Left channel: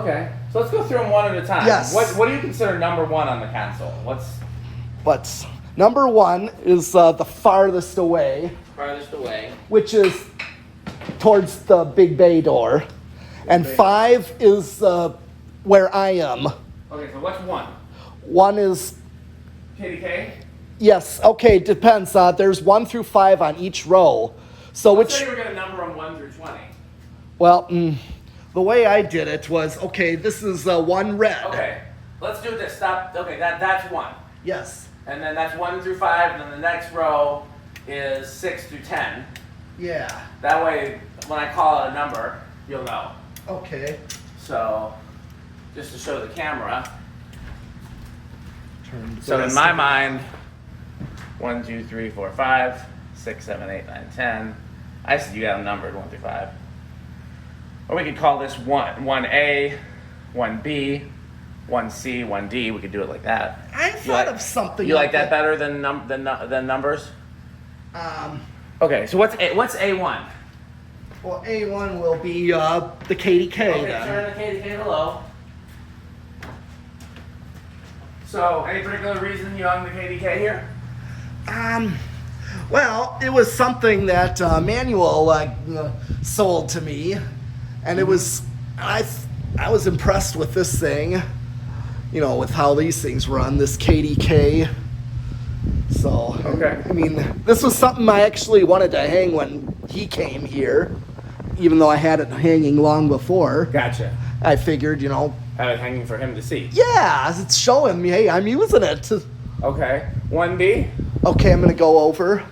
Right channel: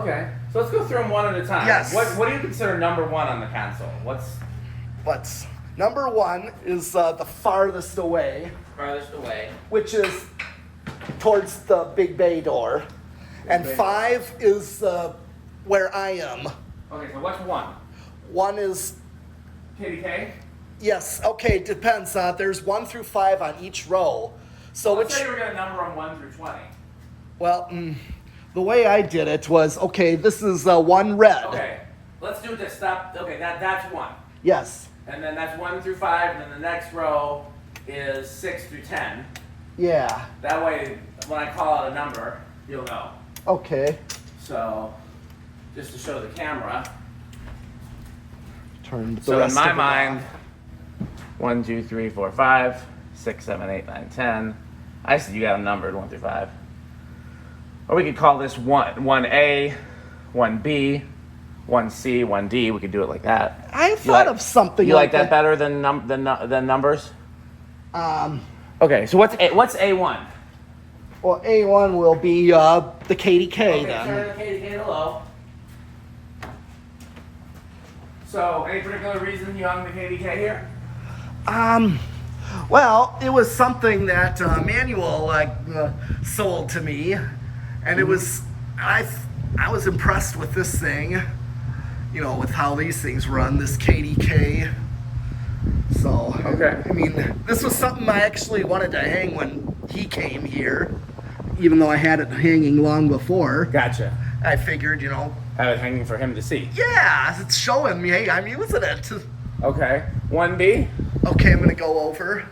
Okay, so let's go through them one at a time. Yes. What do you consider number one on the console? But number one is the farthest away, which is towards the big bay door. And bay 5 is where I am. Okay, so what's 1? 1 is... KDK? Yes, okay, depends. There's 1 through 5 on each row. So Let's say you were going to number them 1 through 20. Well, the way I did it was, okay, this is 1 red. Okay, let's do this. Stop. Okay, that's 1. Yes. And then that's 1 through 5, and then the next row is 6 through 10. Yeah. That way, when I call out a number, you'll know. Okay. So, just to show the camera. Turn the So rest in my of it. mind, 1, 2, 3, 4, 5, 6, 7, 8, 9, 10. I see you got them numbered 1 through 5. Or we could call this 1A, 1B, 1C, 1D. We could do it like that. I thought of something. You like that better than numbers? Okay, so what's A1? Well, A1 will be the KDK Okay, then. turn the KDK to low. So, any particular reason you hung the KDK here? Well, it was something that Manuel sold to me, and it was I was impressed with this thing, you know, with how these things run, this KDK. So, Okay. I mean, this was something I actually wanted to hang when he came here, even though I had it hanging long before. Gotcha. I figured, you know, I was hanging for him to see. yeah, it's showing me, hey, I'm using it. Okay. 1B? Okay, I'm gonna go over.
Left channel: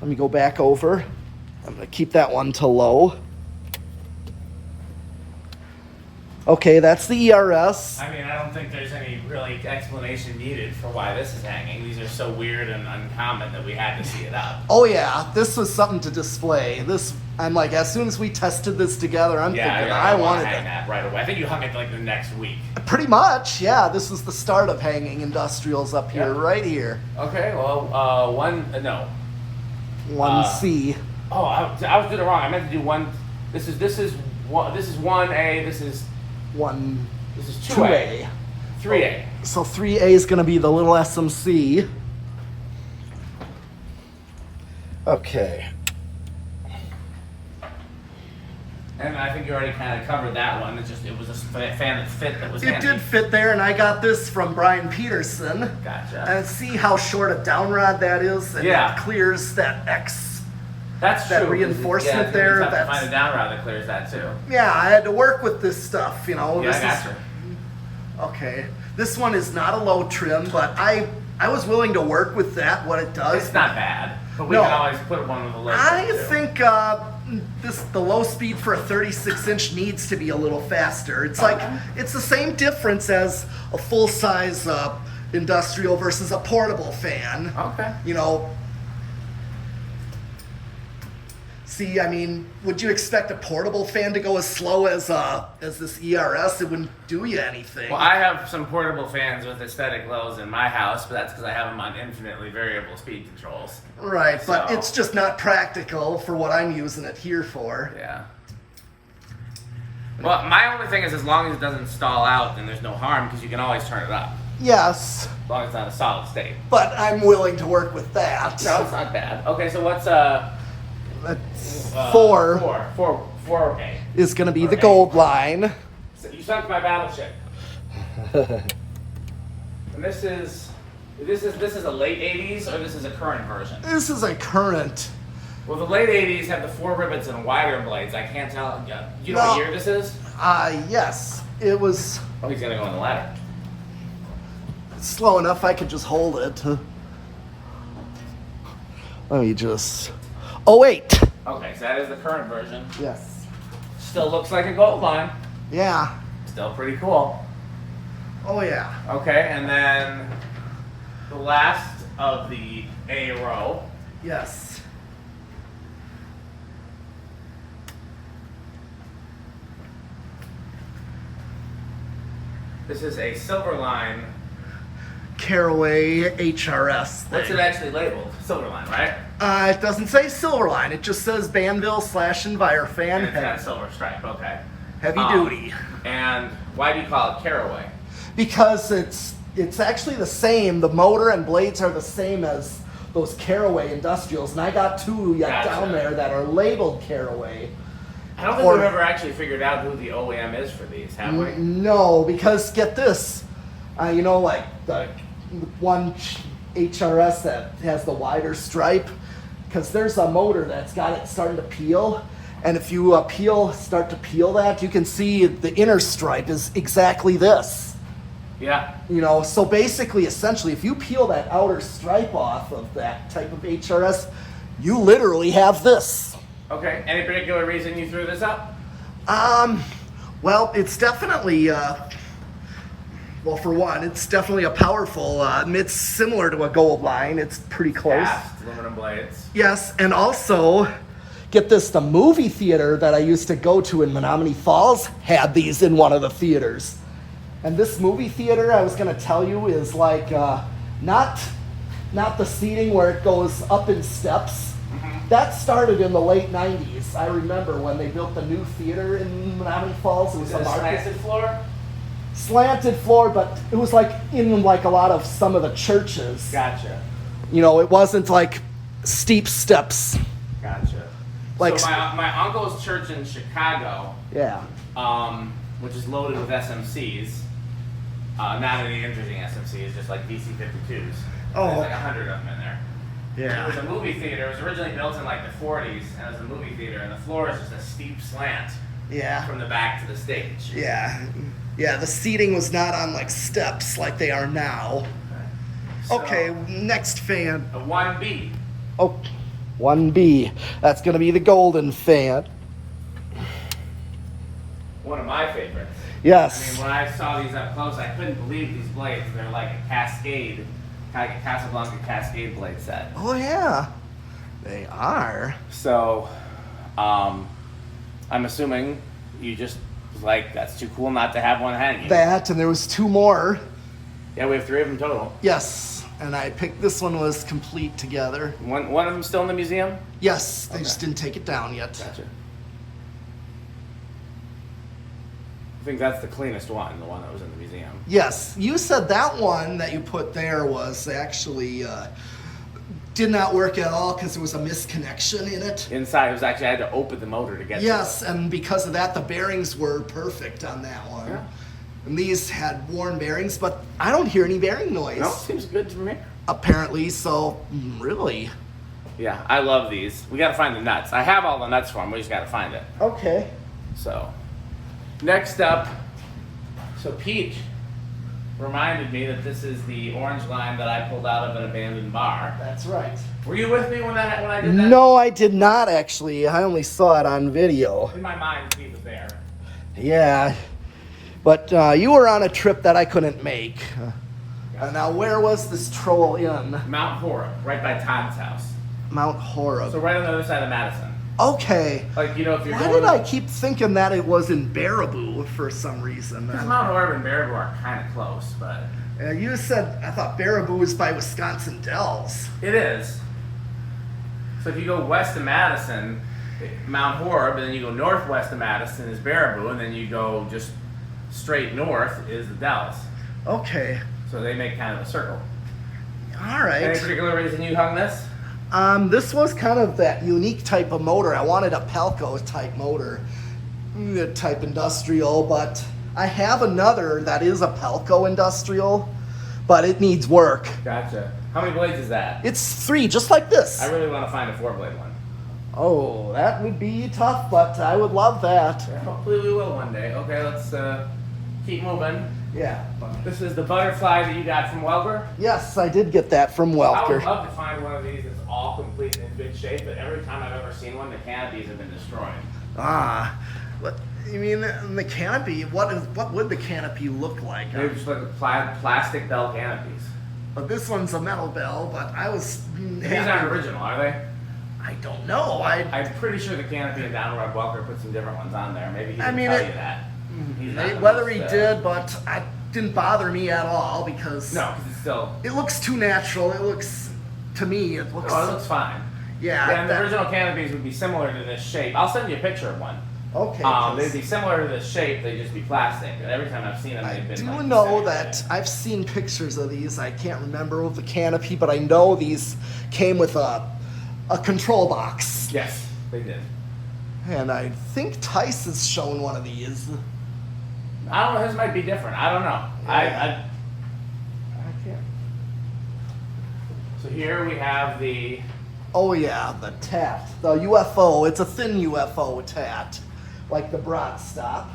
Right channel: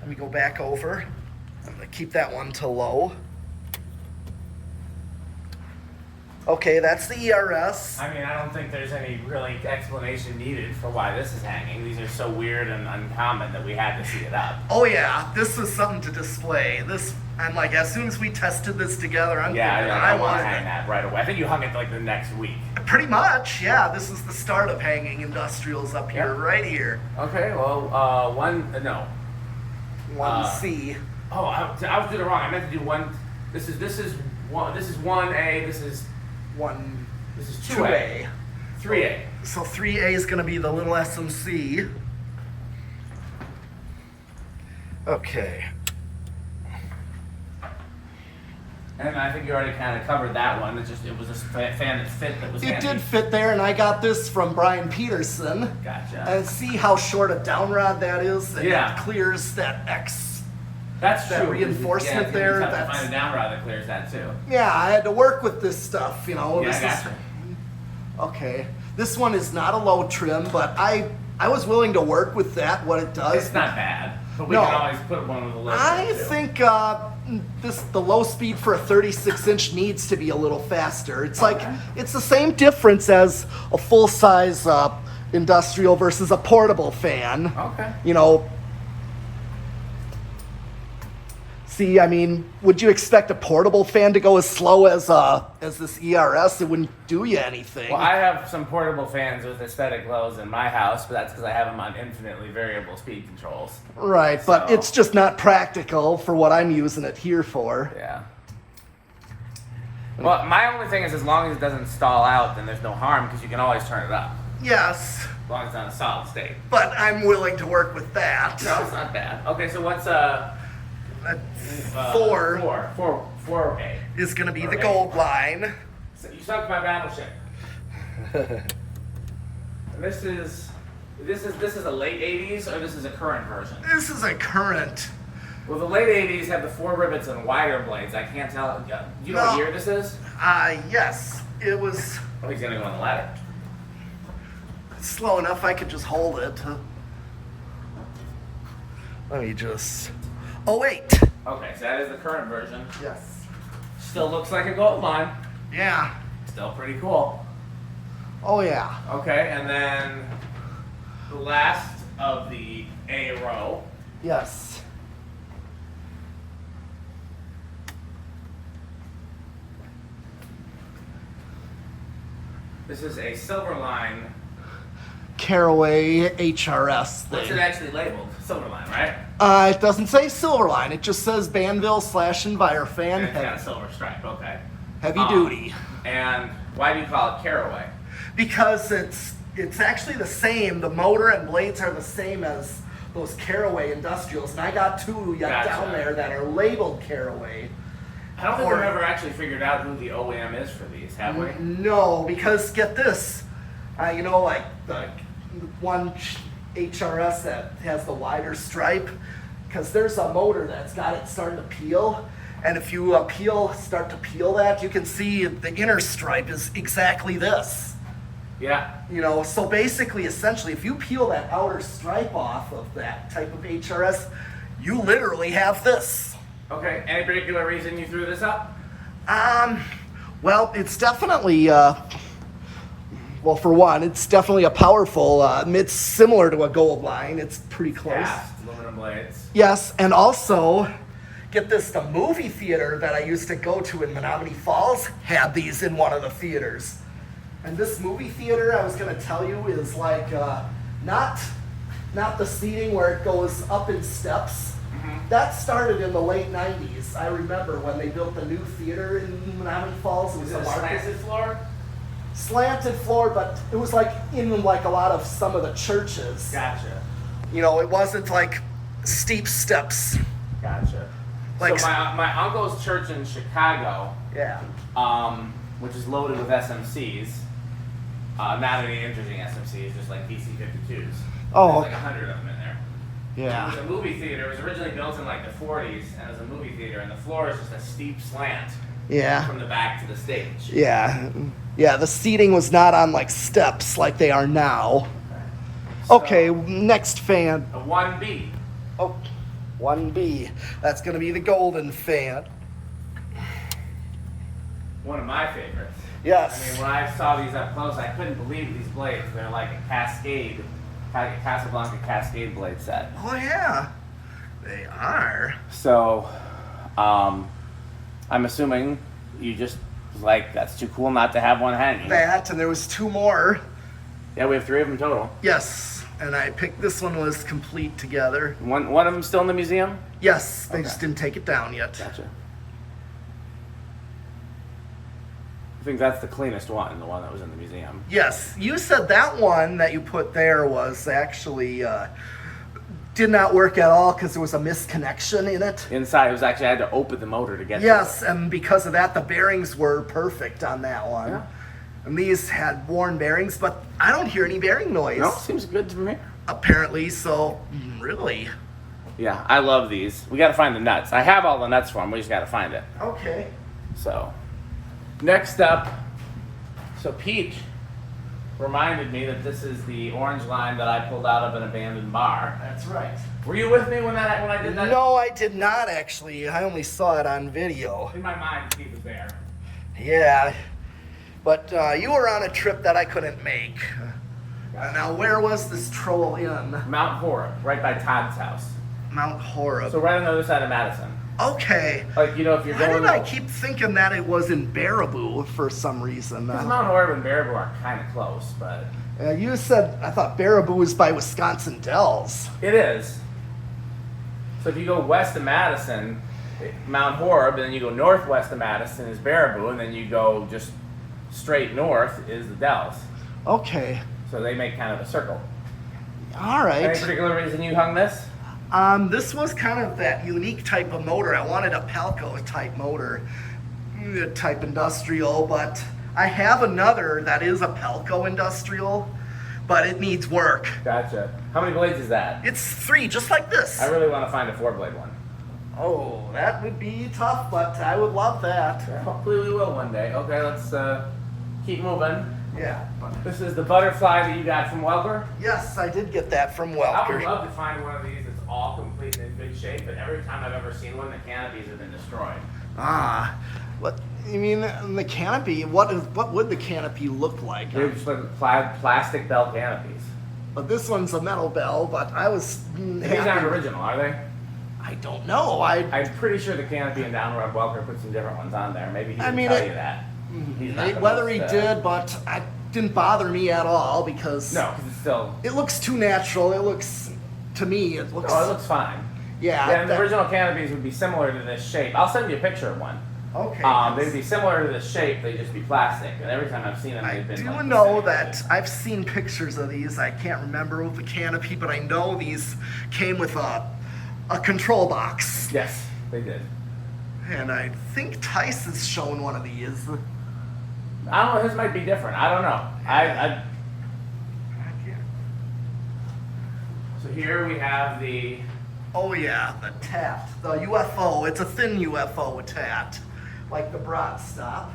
Let me go back over. I'm gonna keep that one to low. Okay, that's the ERS. I mean, I don't think there's any really explanation needed for why this is hanging. These are so weird and uncommon that we had to see it up. Oh yeah, this was something to display. This, I'm like, as soon as we tested this together, I'm Yeah, thinking I want wanted to hang it. that right away. I think you hung it like the next week. Pretty much, yeah. This is the start of hanging industrials up here, Yep. right here. Okay, well, 1C. Oh, I was doing it wrong. I meant to do 1. This is 1A. This is 2A. 3A. So 3A is going to be the little SMC. Okay. And I think you already kind of covered that one. It was a fan that fit that was It handy. did fit there, and I got this from Brian Peterson. Gotcha. And see how short a down rod that is? And Yeah. it clears that X. That's that true. reinforcement yeah, there, You have to that's- find a down rod that clears that too. Yeah, I had to work with this stuff, you know. Yeah, this I gotcha. Okay. This one is not a low trim, but I was willing to work with that, what it does. It's not bad, but we No. can always put one with a low. I too. think the low speed for a 36-inch needs to be a little faster. It's like Okay. it's the same difference as a full size industrial versus a portable fan. Okay. You know. See, I mean, would you expect a portable fan to go as slow as this ERS? It wouldn't do you anything. Well, I have some portable fans with aesthetic lows in my house, but that's because I have them on infinitely variable speed controls. Right, but So- it's just not practical for what I'm using it here for. Yeah. Well, my only thing is as long as it doesn't stall out, then there's no harm because you can always turn it up Yes, as long as it's not a solid state. but I'm willing to work with that. No, it's not bad. Okay, so what's That's 4 Four. Okay. is going to be the Okay. gold line. So you sunk my battleship. And this is a late '80s or this is a current version? This is a current. Well, the late '80s have the 4 rivets and wider blades. I can't tell. You know No. what year this is? Yes, it was Oh, he's gonna go on the ladder. slow enough I could just hold it. Let me just... Oh, wait. Okay, so that is the current version. Yes. Still looks like a gold line. Yeah. Still pretty cool. Oh, yeah. Okay, and then the last of the A row. Yes. This is a silver line. Caraway HRS thing. What's it actually labeled? Silver line, right? It doesn't say Silverline. It just says Banville /Envirofan. And it's got a silver stripe. Okay. Heavy duty. And why do you call it caraway? Because it's actually the same. The motor and blades are the same as those Caraway Industrials, and I got two Gotcha. down there that are labeled Caraway. I don't think we've ever actually figured out who the OEM is for these, have we? No, because get this, you know, like the one HRS that has the wider stripe, because there's a motor that's got it starting to peel, and if you start to peel that, you can see the inner stripe is exactly this. Yeah. You know, so basically, essentially, if you peel that outer stripe off of that type of HRS, you literally have this. Okay. Any particular reason you threw this up? Well, it's definitely, well, for one, it's definitely a powerful, it's similar to a Gold Line. It's pretty close. Cast aluminum blades. Yes, and also, get this, the movie theater that I used to go to in Menominee Falls had these in one of the theaters. And this movie theater, I was going to tell you, is like not the seating where it goes up in steps. Mm-hmm. That started in the late 90s. I remember when they built the new theater in Menominee Falls. It was Is it a slanted floor? Slanted floor, but it was like in like a lot of some of the churches. Gotcha. You know, it wasn't like steep steps. Gotcha. Like- so my uncle's church in Chicago, Yeah. which is loaded with SMCs, not any interesting SMCs, just like DC-52s. Oh. There's like 100 of them in there. Yeah. It was a movie theater. It was originally built in like the 40s, and it was a movie theater, and the floor is just a steep slant Yeah. from the back to the stage. Yeah. Yeah, the seating was not on like steps like they are now. So, Okay, next fan. A 1B. Oh, 1B. That's going to be the golden fan. One of my favorites. Yes. I mean, when I saw these up close, I couldn't believe these blades. They're like a Cascade, like a Casablanca Cascade blade set. Oh, yeah. They are. So, I'm assuming you just was like, that's too cool not to have one hanging. That, and there was two more. Yeah, we have 3 of them total. Yes. And I picked this one was complete together. One of them still in the museum? Yes, they just didn't take it down yet. Gotcha. I think that's the cleanest one, the one that was in the museum. Yes, you said that one that you put there was actually did not work at all because there was a misconnection in it. Inside, it was actually, I had to open the motor to get Yes, and because of that, the bearings were perfect on that one. Yeah. And these had worn bearings, but I don't hear any bearing noise. No, seems good to me. Apparently, so really. Yeah, I love these. We gotta find the nuts. I have all the nuts for them, we just gotta find it. Okay. So, next up, so Peach reminded me that this is the orange line that I pulled out of an abandoned bar. That's right. Were you with me when I did that? No, I did not actually. I only saw it on video. In my mind, Pete was there. Yeah. But you were on a trip that I couldn't make. Now, where was this troll in? Mount Horeb, right by Todd's house. Mount Horeb. So right on the other side of Madison. Okay. Like, you know, if you're Why going... did I keep thinking that it was in Baraboo for some reason? Because Mount Horeb and Baraboo are kind of close, but... You said, I thought Baraboo was by Wisconsin Dells. It is. So if you go west of Madison, Mount Horeb, and then you go northwest of Madison is Baraboo, and then you go just straight north is the Dells. Okay. So they make kind of a circle. All right. Any particular reason you hung this? This was kind of that unique type of motor. I wanted a Pelco type motor, type industrial, but I have another that is a Pelco industrial, but it needs work. Gotcha. How many blades is that? It's 3, just like this. I really want to find a 4-blade one. Oh, that would be tough, but I would love that. Hopefully we will one day. Okay, let's keep moving. Yeah. This is the butterfly that you got from Welker. Yes, I did get that from I would Welker. love to find one of these that's all complete and in good shape, but every time I've ever seen one, the canopies have been destroyed. Ah, what you mean the canopy? What would the canopy look like? They're just like plastic bell canopies. But this one's a metal bell. But I was These happy. aren't original, are they? I don't know. I'm pretty sure the canopy in Downward Welker put some different ones on there. Maybe he didn't tell you that. He's not the Whether most, he did, but it didn't bother me at all because No, because it's still... it looks too natural. It looks, to me, it looks. Oh, it looks fine. Yeah. The original canopies would be similar to this shape. I'll send you a picture of one. Okay. They'd be similar to this shape, they'd just be plastic. And every time I've seen them, I they've been do like know this. that I've seen pictures of these. I can't remember the canopy, but I know these came with a control box. Yes, they did. And I think Tice has shown one of these. I don't know, his might be different. I don't know. I can't. So here we have the... Oh yeah, the tat, the UFO. It's a thin UFO tat, like the Broad Stop.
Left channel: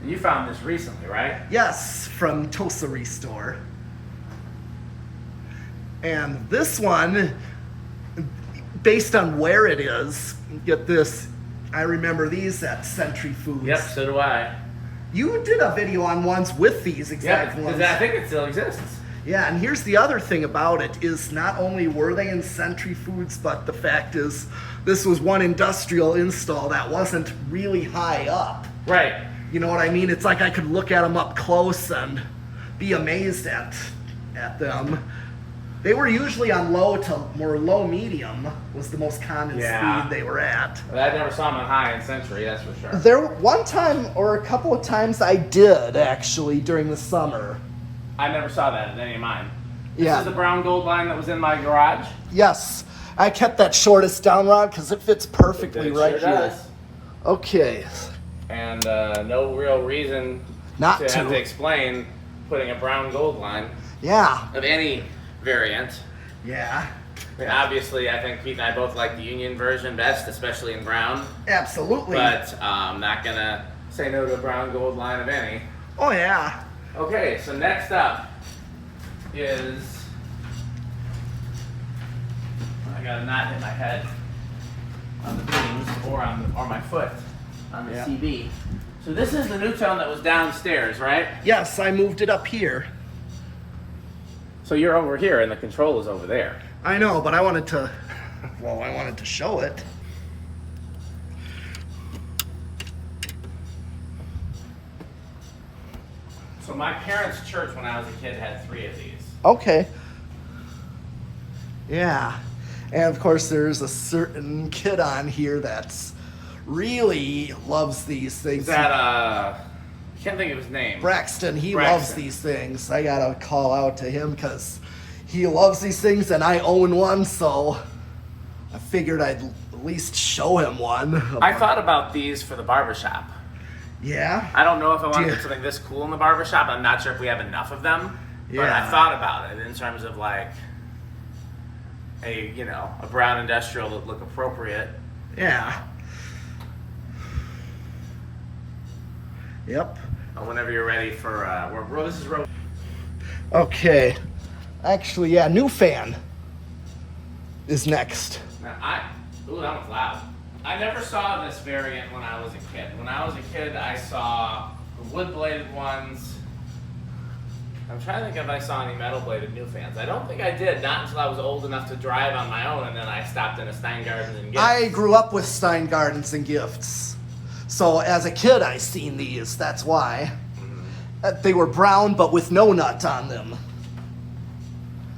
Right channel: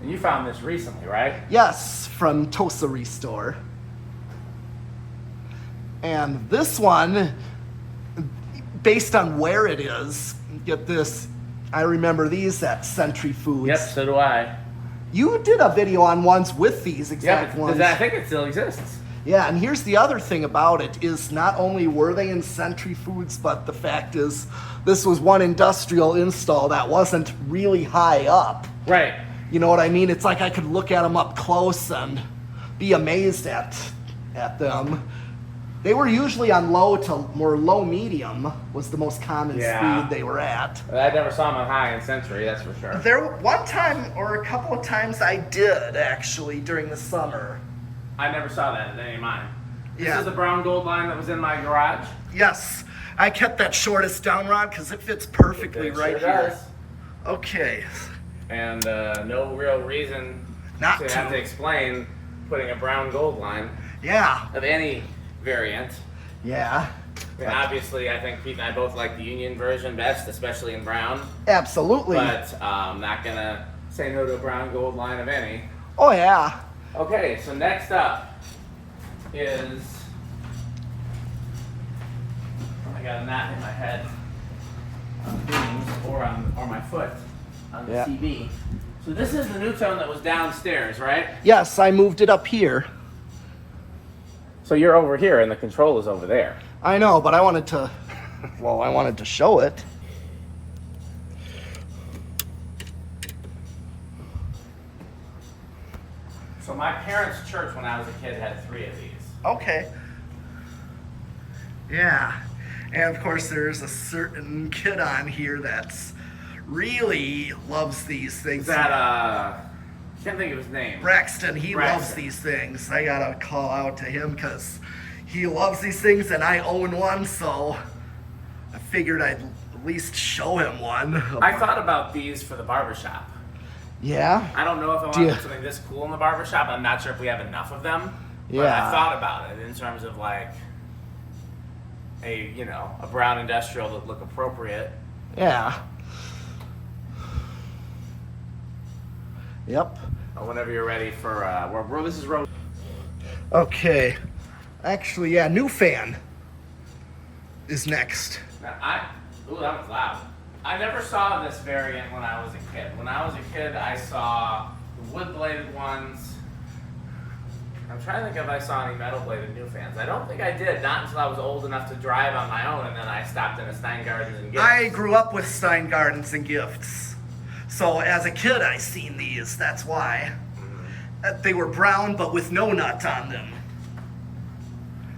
And you found this recently, right? Yes, from Tosa Restore. And this one, based on where it is, get this, I remember these at Century Foods. Yep, so do I. You did a video on ones with these exact Yeah, ones. I think it still exists. Yeah, and here's the other thing about it is not only were they in Century Foods, but the fact is this was one industrial install that wasn't really high up. Right. You know what I mean? It's like I could look at them up close and be amazed at them. They were usually on low to more low medium was the most common speed they were at. I never saw them on high in Century, that's for sure. There one time or a couple of times I did actually during the summer. I never saw that in any of mine. Yeah. This is the brown gold line that was in my garage. Yes, I kept that shortest down rod because it fits perfectly It right sure here. does. Okay. And no real reason Not to have to. to explain putting a brown gold line Yeah. of any variant. Yeah. I mean, obviously, I think Pete and I both like the Union version best, especially in brown. Absolutely. But not gonna say no to a brown gold line of any. Oh yeah. Okay, so next up is I got a knot in my head on the beams or my foot on the Yeah. CB. So this is the Newtone that was downstairs, right? Yes, I moved it up here. So you're over here and the control is over there. I know, but I wanted to show it. So my parents' church when I was a kid had 3 of these. Okay. Yeah. And of course there's a certain kid on here that's really loves these things. Is that can't think of his name. Braxton, he Braxton. loves these things. I gotta call out to him because he loves these things and I own one, so I figured I'd at least show him one. I thought about these for the barbershop. Yeah? I don't know if I want to Yeah. put something this cool in the barbershop. I'm not sure if we have enough of them. But Yeah. I thought about it in terms of like a brown industrial that look appropriate. Yeah. Yep. Whenever you're ready for this is road. Okay. Actually, yeah, new fan is next. Ooh, that was loud. I never saw this variant when I was a kid. When I was a kid, I saw the wood-bladed ones. I'm trying to think if I saw any metal-bladed new fans. I don't think I did, not until I was old enough to drive on my own, and then I stopped in a Steingardens and Gifts. I grew up with Stein Gardens and Gifts. So as a kid, I seen these. That's why. They were brown, but with no nut on them.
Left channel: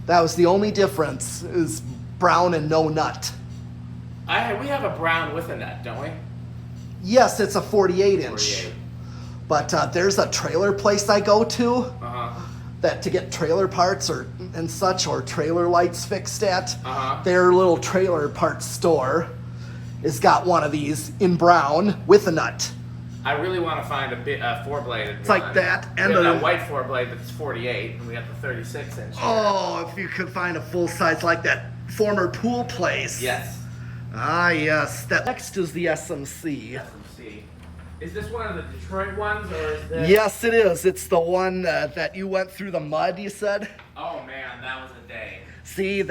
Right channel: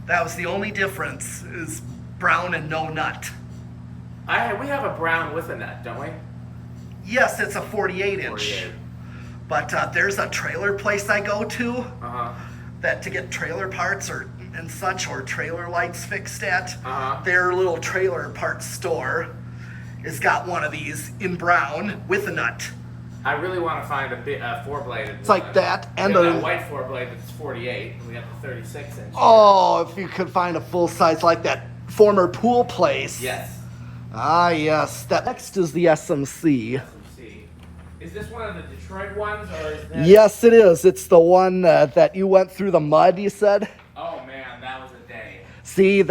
That was the only difference, is brown and no nut. We have a brown with a nut, don't we? Yes, it's a 48 inch. 48. But there's a trailer place I go to Uh-huh. that to get trailer parts and such, or trailer lights fixed at. Uh-huh. Their little trailer parts store has got one of these in brown with a nut. I really want to find a 4-bladed It's one. like that, and we have a- that white 4-blade that's 48, and we got the 36 inch. Oh, if you could find a full size like that former pool place. Yes. Ah, yes. That next is the SMC. Let's see. Is this one of the Detroit ones, or is this? Yes, it is. It's the one that you went through the mud, you said? Oh man, that was a day. See,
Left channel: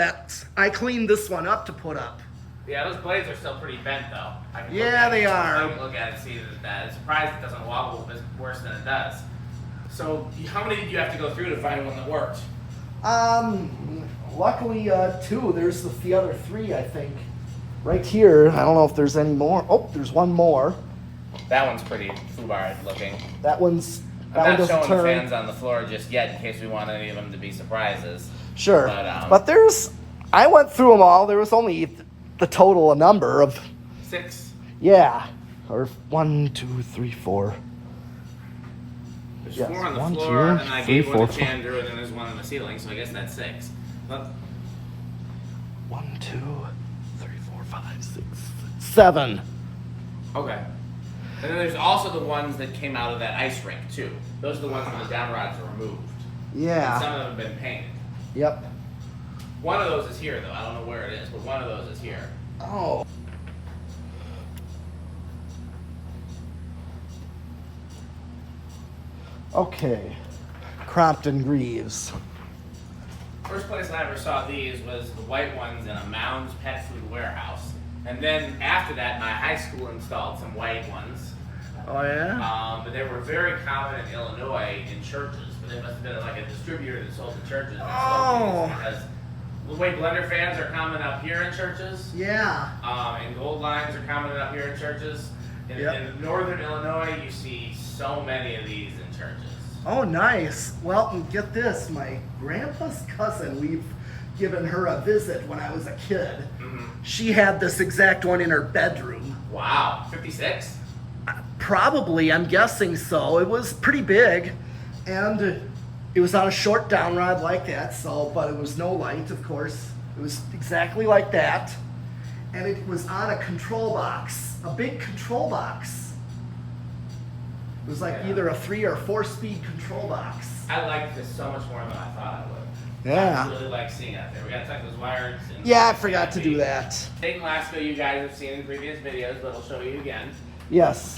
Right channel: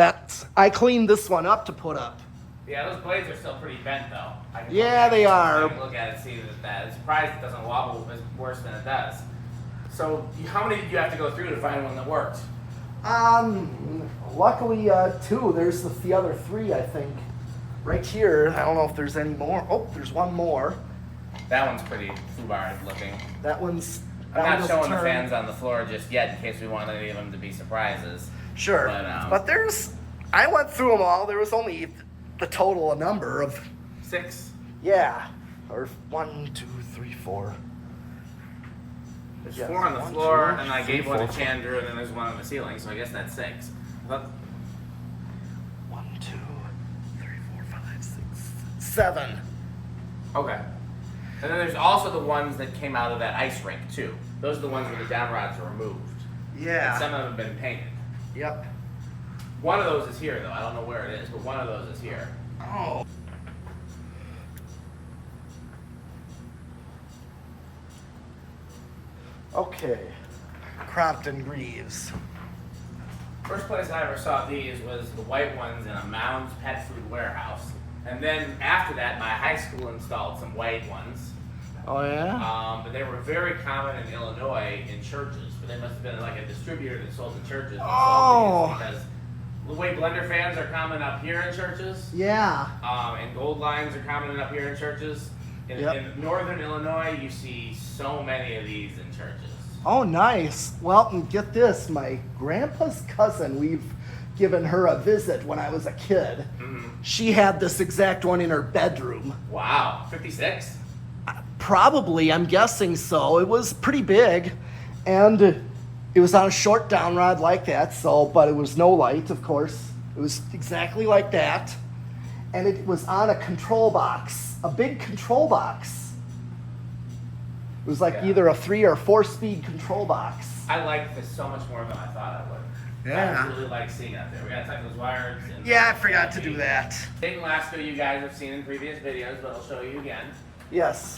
I cleaned this one up to put up. Yeah, those blades are still pretty bent though. I can Yeah, look at they it, are. I can look at it and see that it's bad. I'm surprised it doesn't wobble as worse than it does. So, how many did you have to go through to find one that worked? Luckily, 2. There's the other 3, I think. Right here. I don't know if there's any more. Oh, there's one more. That one's pretty foobar looking. That one's I'm out not of showing the turn. fans on the floor just yet in case we want any of them to be surprises. Sure. But, But there's, I went through them all. There was only the total a number of 6. yeah, or 1, 2, 3, 4. There's Yes, 4 on the 1, floor, 2, and I 3, gave one to 4. Chandru, and then there's one on the ceiling, so I guess that's 6. Well, 1, 2, 3, 4, 5, 6, 7. okay. And then there's also the ones that came out of that ice rink, too. Those are the ones where the down rods are removed. And Yeah. some of them have been painted. Yep. One of those is here, though. I don't know where it is, but one of those is here. Oh. Okay. Crompton Greaves. First place I ever saw these was the white ones in a Mounds pet food warehouse. And then after that, my high school installed some white ones. Oh yeah. But they were very common in Illinois in churches. But they must have been like a distributor that sold to churches. That sold these because the way blender fans are common up here in churches, Yeah. and gold lines are common up here in churches. Yep. In northern Illinois, you see so many of these in churches. Oh, nice. Well, and get this. My grandpa's cousin, we've given her a visit when I was a kid. Mm-hmm. She had this exact one in her bedroom. Wow, 56? Probably, I'm guessing so. It was pretty big. And it was on a short down rod like that, so, but it was no light, of course. It was exactly like that. And it was on a control box, a big control box. It was like Yeah. either a 3 or 4 speed control box. I like this so much more than I thought I would. Yeah. I really like seeing it out there. We gotta tuck those wires in. Yeah, I forgot to do that. State and Lasco you guys have seen in previous videos, but I'll show you again. Yes.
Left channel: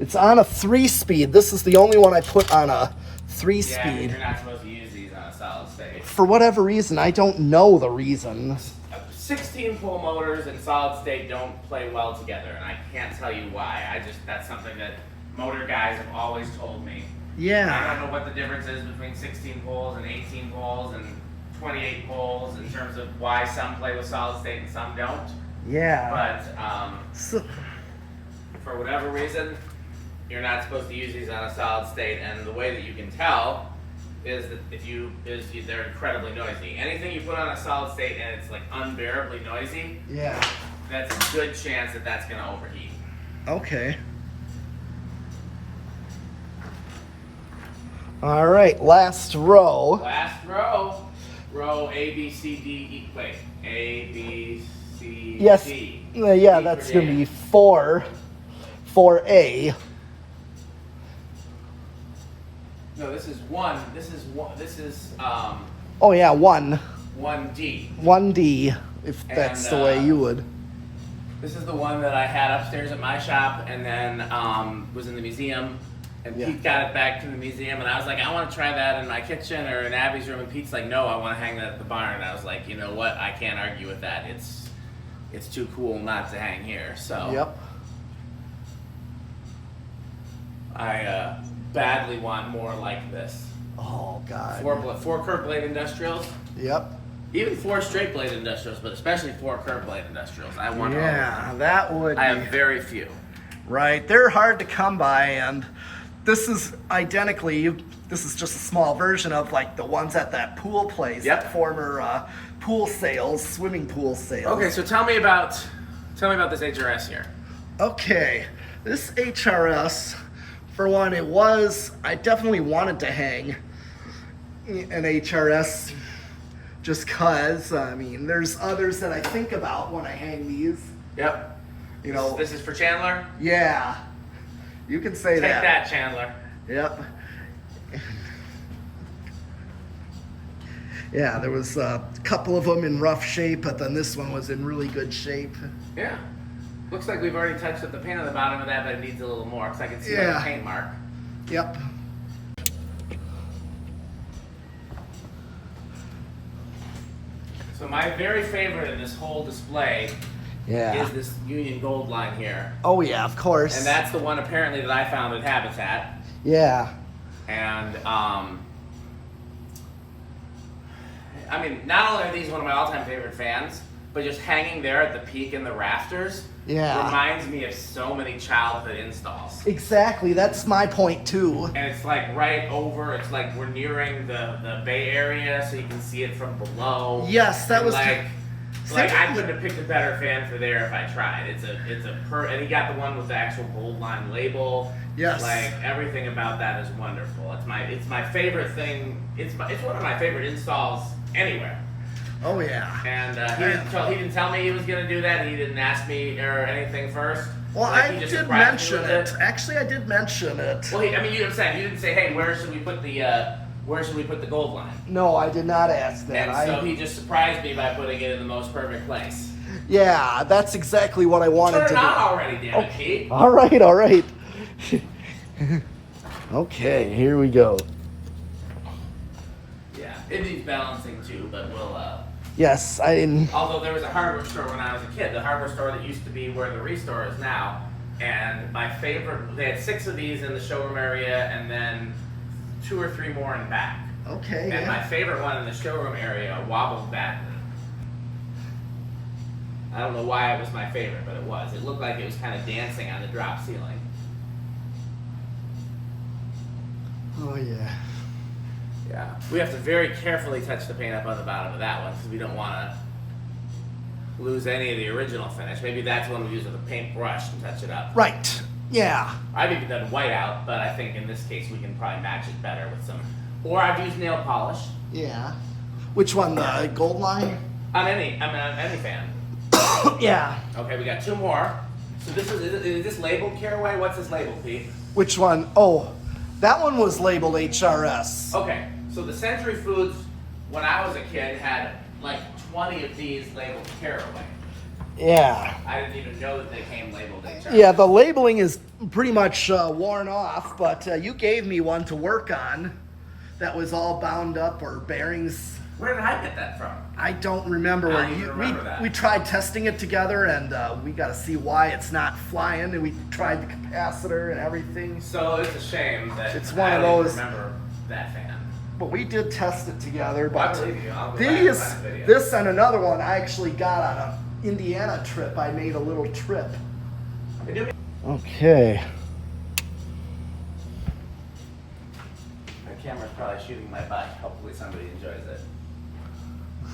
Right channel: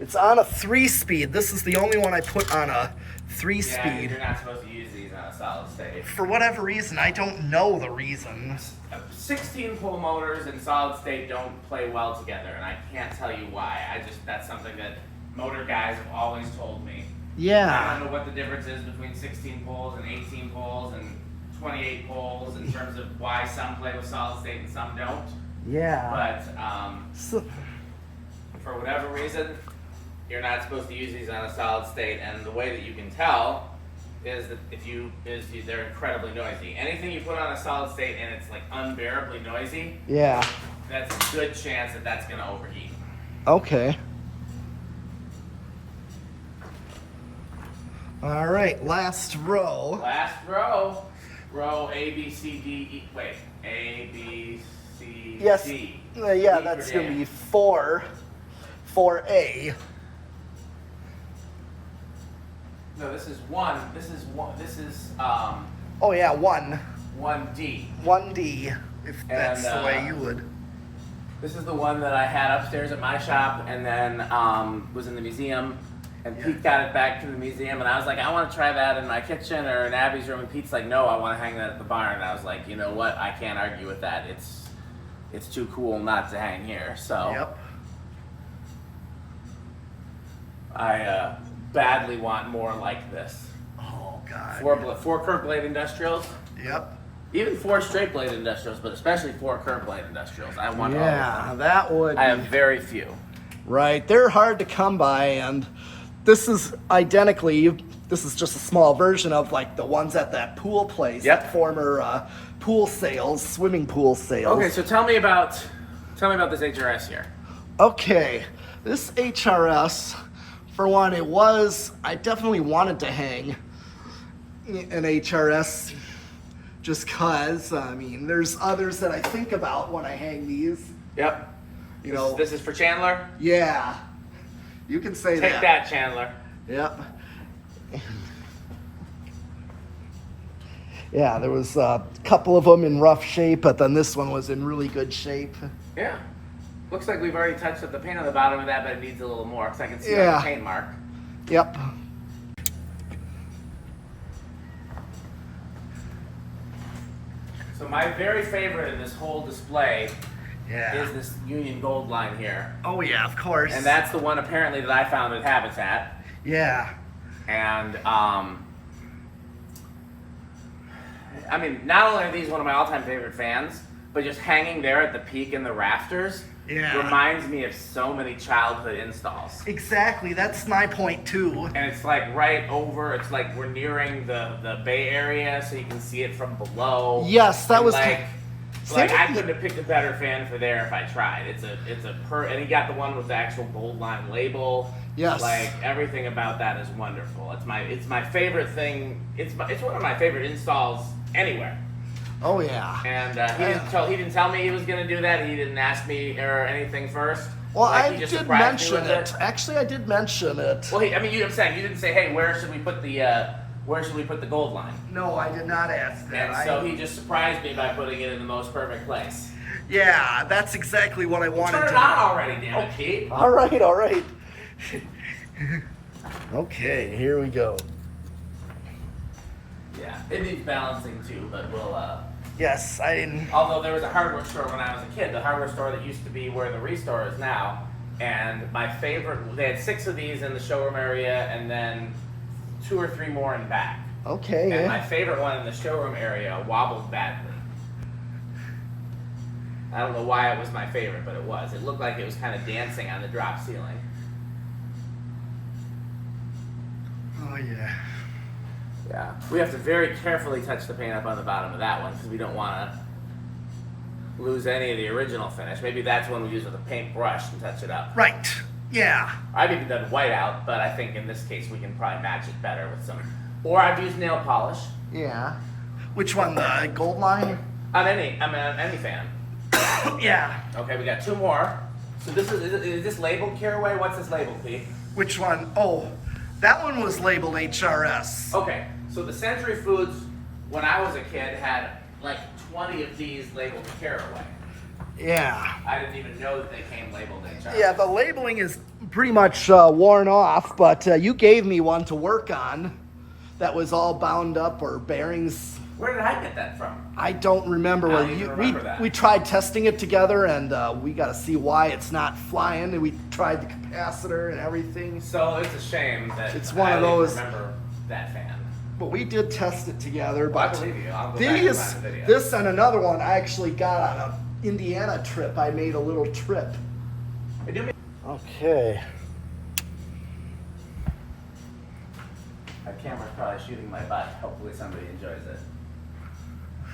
It's on a 3 speed. This is the only one I put on a 3 Yeah, speed. you're not supposed to use these on a solid state. For whatever reason, I don't know the reason. 16 pole motors and solid state don't play well together, and I can't tell you why. That's something that motor guys have always told me. I Yeah. don't know what the difference is between 16 poles and 18 poles and 28 poles in terms of why some play with solid state and some don't. Yeah. But So, for whatever reason, you're not supposed to use these on a solid state, and the way that you can tell is that they're incredibly noisy. Anything you put on a solid state and it's like unbearably noisy, yeah. that's a good chance that that's gonna overheat. Okay. All right, last row. Last row, row A, B, C, D, E. Wait, A, B, C, Yes. D. Yeah, D that's for gonna Dan. be 4A. No, this is one. This is one. This is Oh yeah, 1. 1D. 1D, if that's the way you would. This is the one that I had upstairs at my shop, and then was in the museum. And Yeah. Pete got it back to the museum, and I was like, I want to try that in my kitchen or in Abby's room. And Pete's like, no, I want to hang that at the barn. And I was like, you know what? I can't argue with that. It's too cool not to hang here. So Yep. I badly want more like this. Oh god. 4 curved blade industrials, Yep. even 4 straight blade industrials, but especially 4 curved blade industrials. I want all of Yeah, them. that would I be have very few. right. They're hard to come by, and this is identically. This is just a small version of like the ones at that pool place, Yep. that former pool sales, swimming pool sales. Okay, so tell me about this HRS here. Okay, this HRS, for one, I definitely wanted to hang an HRS just cause, I mean, there's others that I think about when I hang these. Yep. You know, This is for Chandler. yeah, you can say Take that. that, Chandler. Yep. Yeah, there was a couple of them in rough shape, but then this one was in really good shape. Yeah. Looks like we've already touched up the paint on the bottom of that, but it needs a little more because I can see Yeah. the paint mark. Yep. So my very favorite in this whole display Yeah. is this Union Gold line here. Oh yeah, of course. And that's the one apparently that I found at Habitat. Yeah. And I mean, not only are these one of my all-time favorite fans, but just hanging there at the peak in the rafters Yeah. reminds me of so many childhood installs. Exactly. That's my point too. And it's like right over, it's like we're nearing the Bay Area, so you can see it from below. Yes, that And was like Like I couldn't have picked a better fan for there if I tried. And he got the one with the actual gold line label. Yes. Like everything about that is wonderful. It's my favorite thing. It's one of my favorite installs anywhere. Oh yeah. And he didn't tell me he was gonna do that. He didn't ask me or anything first. Well, like, I did mention it. Actually, I did mention it. Well, you know what I'm saying? You didn't say, hey, where should we put the gold line? No, I did not ask that. And so he just surprised me by putting it in the most perfect place. Yeah, that's exactly what I wanted to do. Turn it on already, damn it, Pete. All right. Okay, here we go. Yeah, it needs balancing too, but we'll. Yes, Although there was a hardware store when I was a kid, the hardware store that used to be where the Restore is now, and my favorite, they had 6 of these in the showroom area, and then 2 or 3 more in the back. Okay. And Yeah. my favorite one in the showroom area wobbled back. I don't know why it was my favorite, but it was. It looked like it was kind of dancing on the drop ceiling. Oh yeah. Yeah. We have to very carefully touch the paint up on the bottom of that one because we don't want to lose any of the original finish. Maybe that's when we use a paint brush to touch it up. Right. Yeah. I've even done white out, but I think in this case we can probably match it better with some. Or I've used nail polish Yeah. Which one? The gold line? on any fan. Yeah. Okay, we got 2 more. So is this labeled Caraway? What's this labeled, Pete? Which one? Oh, that one was labeled HRS. Okay, so the Century Foods, when I was a kid, had like 20 of these labeled Caraway. Yeah. I didn't even know that they came labeled HRS. Yeah, the labeling is pretty much worn off, but you gave me one to work on that was all bound up or bearings. Where did I get that from? I don't remember I where don't even remember that. we tried testing it together, and we got to see why it's not flying. And we tried the capacitor and everything, So it's a shame that It's one I of didn't those- remember that fan. but we did test it together. But I believe you. I'll go back and these, find the video. this and another one, I actually got on a Indiana trip. I made a little trip. It do- Okay. My camera's probably shooting my butt. Hopefully somebody enjoys it.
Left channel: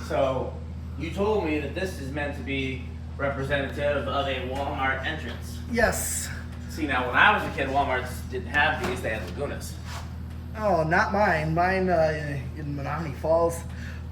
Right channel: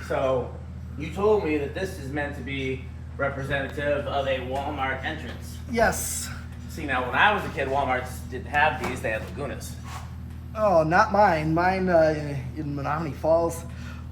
So, you told me that this is meant to be representative of a Walmart entrance. Yes. See, now when I was a kid, Walmarts didn't have these, they had Lagunas. Oh, not mine. Mine in Menominee Falls,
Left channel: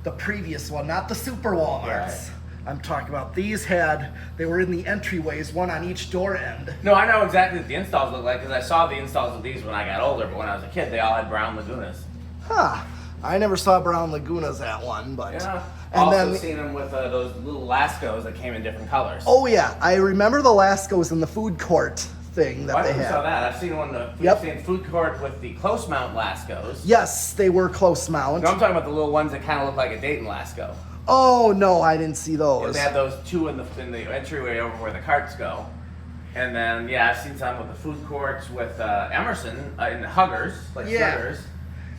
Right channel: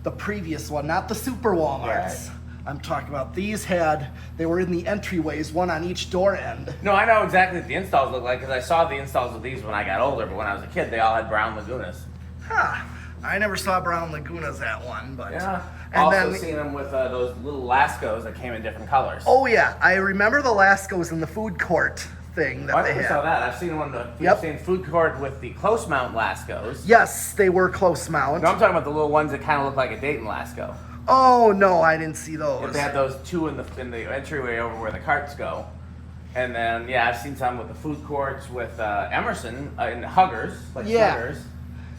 the previous one, not the super Walmarts. Right. I'm talking about these they were in the entryways, one on each door end. No, I know exactly what the installs look like because I saw the installs of these when I got older, but when I was a kid, they all had brown Lagunas. Huh. I never saw brown Lagunas at one, but. Yeah. And also then. seen them with those little Lascos that came in different colors. Oh, yeah. I remember the Lascos in the food court thing that I they never saw had. that. I've seen one. Yep. I've seen food court with the close mount Lascos. Yes, they were close mount. No, I'm talking about the little ones that kind of look like a Dayton Lasco. Oh, no, I didn't see those. They have those 2 in the entryway over where the carts go. And then, yeah, I've seen some with the food courts with Emerson in the Huggers, like Yeah. Sliggers.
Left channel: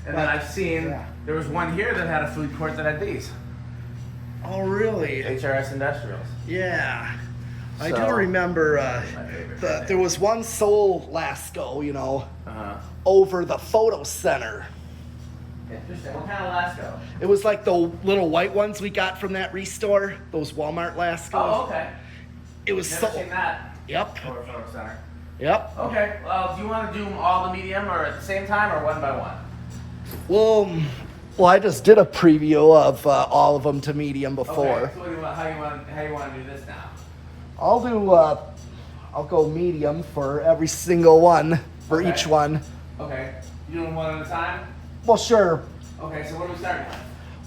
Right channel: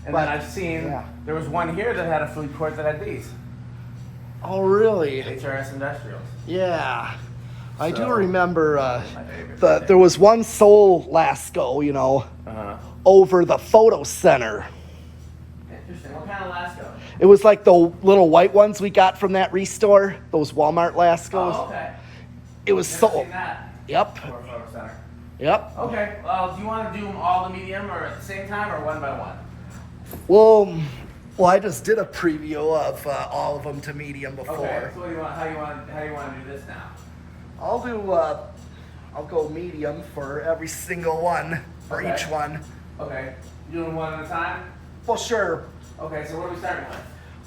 And But- then I've seen, yeah. there was one here that had a food court that had these. Oh, really? HRS Industrials. Yeah. I do So- remember My favorite. there was one Soul Lasco, Uh-huh. over the photo center. Interesting. What kind of Lasco? It was like the little white ones we got from that Restore, those Walmart Lascos. Oh, okay. It was Never sold. seen that. Yep. Or photo center. Yep. Okay. Well, do you want to do them all the medium or at the same time or one by one? Well, I just did a preview of all of them to medium before. Okay. So what do you want? How you want to do this now? I'll go medium for every single one for Okay. each one. Okay. You doing one at a time? Well, sure. Okay. So what are we starting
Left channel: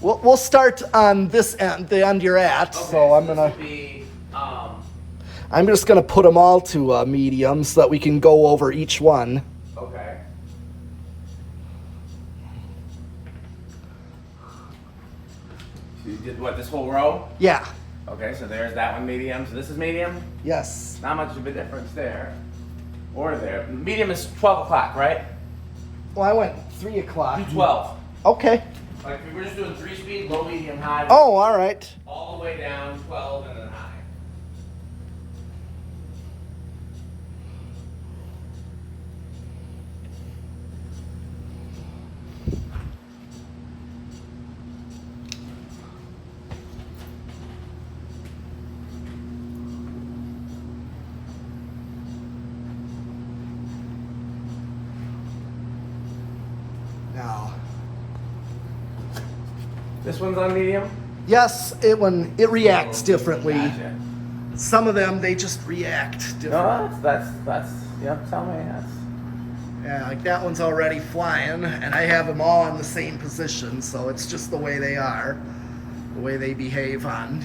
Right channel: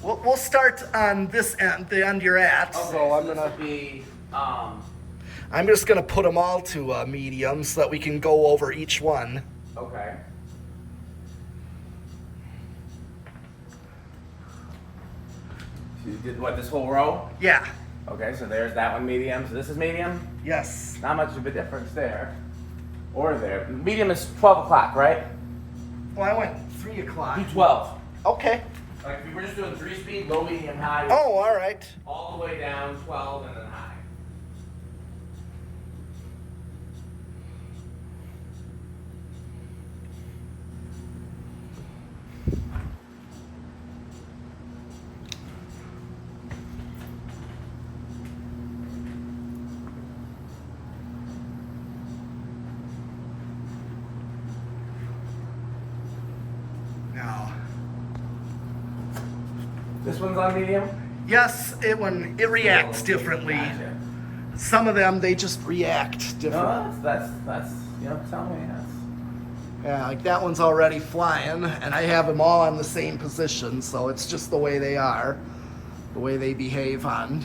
with? We'll start on this end, the end you're at. Okay. So I'm this gonna. would be I'm just gonna put them all to medium so that we can go over each one. okay. So you did what? This whole row? Yeah. Okay. So there's that one medium. So this is medium. Yes. Not much of a difference there. Or there. Medium is 12 o'clock, right? Well, I went 3 o'clock. Do 12. Okay. Like if we were just doing 3-speed, low, medium, high. Oh, all right. All the way down 12 and then high. This one's on medium? Yes, it reacts differently. Gotcha. Some of them, they just react differently. No, that's, yep, tell me, that's. Yeah, like that one's already flying, and I have them all in the same position, so it's just the way they are, the way they behave on.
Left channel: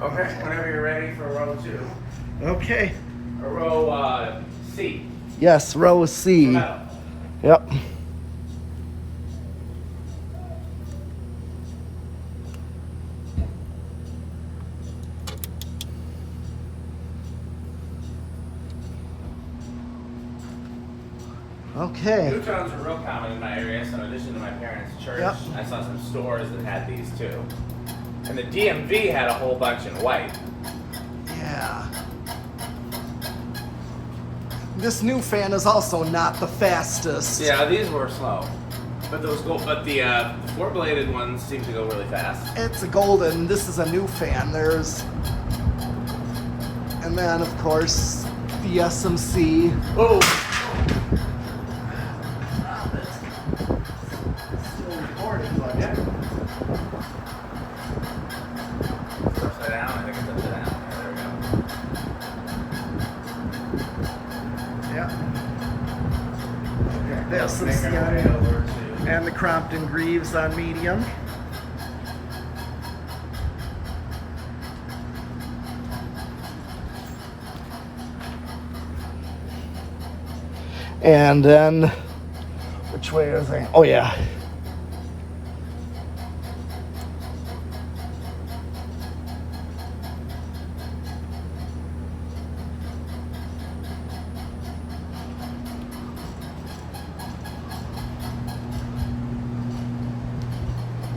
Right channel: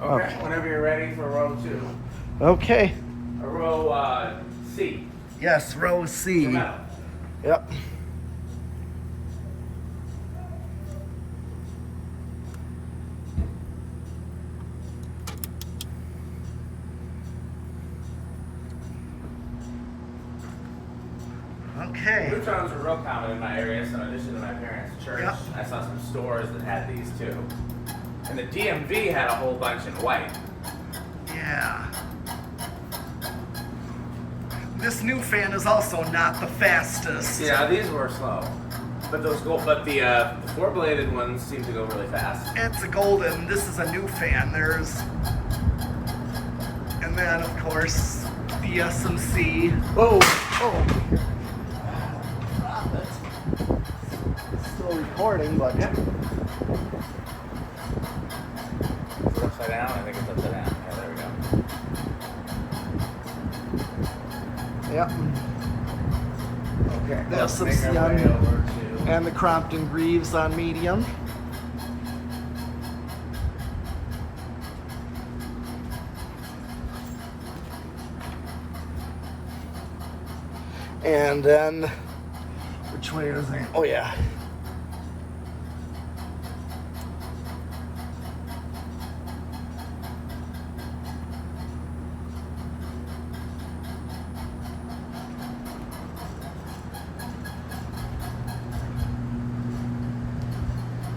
Okay, whenever you're ready for row 2. Okay. Or row C. Yes, row C. Metal. Yep. Okay. Neutrons are real common in my area, so in addition to my parents' church, Yep. I saw some stores that had these too. And the DMV had a whole bunch in white. Yeah. This new fan is also not the fastest. Yeah, these were slow. But those the 4-bladed ones seem to go really fast. It's a golden. This is a new fan. And then of course the SMC. Oh! Stop it. Still recording, but Yeah. Upside down, I think it's upside down. Yeah, there we go. yeah. The Let's make SMC our on, way over to- and the Crompton Greaves on medium. And then, which way is I? Oh yeah.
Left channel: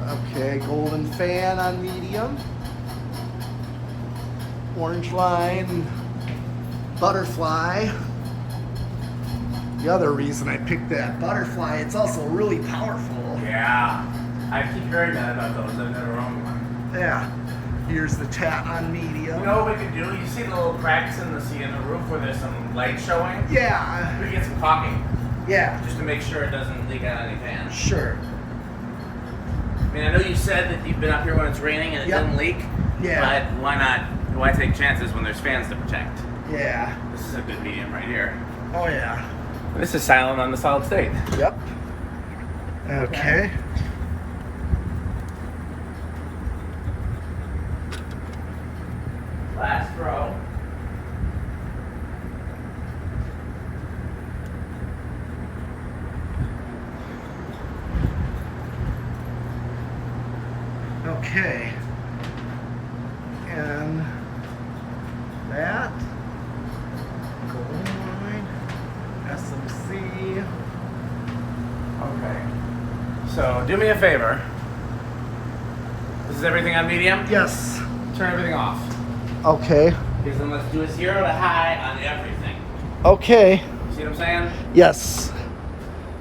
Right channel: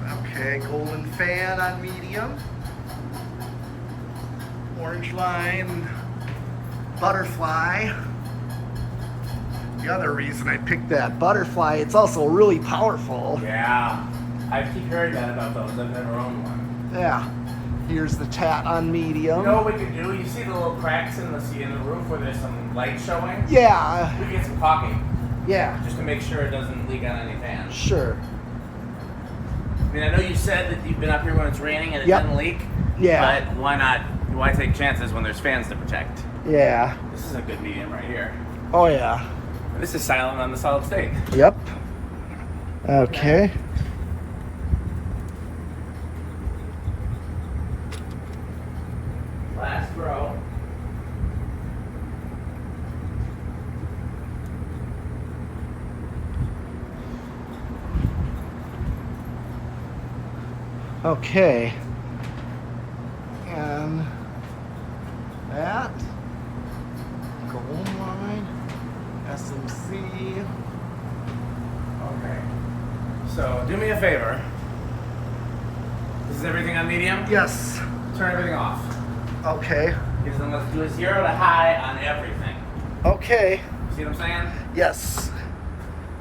Okay, golden fan on medium. Orange line, butterfly. The other reason I picked that butterfly, it's also really powerful. Yeah. I keep hearing that about those. I've never owned one. Yeah. Here's the tat on medium. You know what we could do? You see the little cracks in the roof where there's some light showing? Yeah. We could get some caulking Yeah. just to make sure it doesn't leak on any fans. Sure. I mean, I know you said that you've been up here when it's raining and it Yep. doesn't leak. Yeah. But why not? Why take chances when there's fans to protect? Yeah. This is a good medium right here. Oh yeah. This is silent on the solid state. Yep. Okay. Last row. Okay. And that. Gold line. SMC. Okay. So do me a favor. This is everything on medium? Yes. Turn everything off. Okay. Because then let's do a 0 to high on everything. Okay. See what I'm saying? Yes.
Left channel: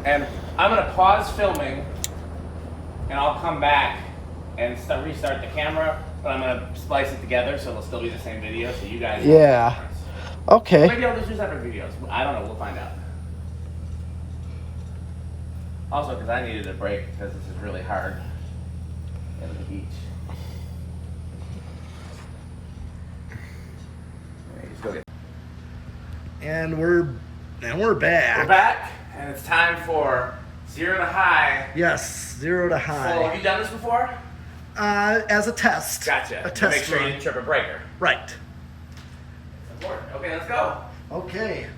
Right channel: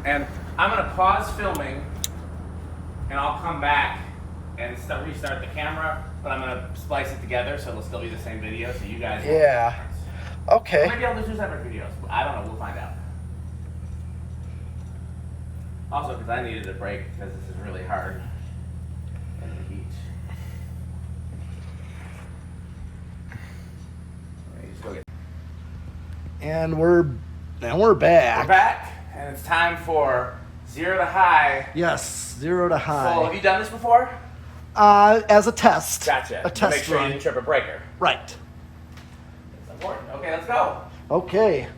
And I'm gonna pause filming, and I'll come back and restart the camera. But I'm gonna splice it together so it'll still be the same video, so you guys. know the Yeah. difference. Okay. Maybe I'll just do separate videos. I don't know. We'll find out. Also, because I needed a break because this is really hard in the heat. Okay, just go get. And we're back. We're back, and it's time for 0 to high. Yes, 0 to So, have high. you done this before? As a test. Gotcha. A To test make sure you run. didn't trip a breaker. Right. It's important. Okay, let's go. Okay.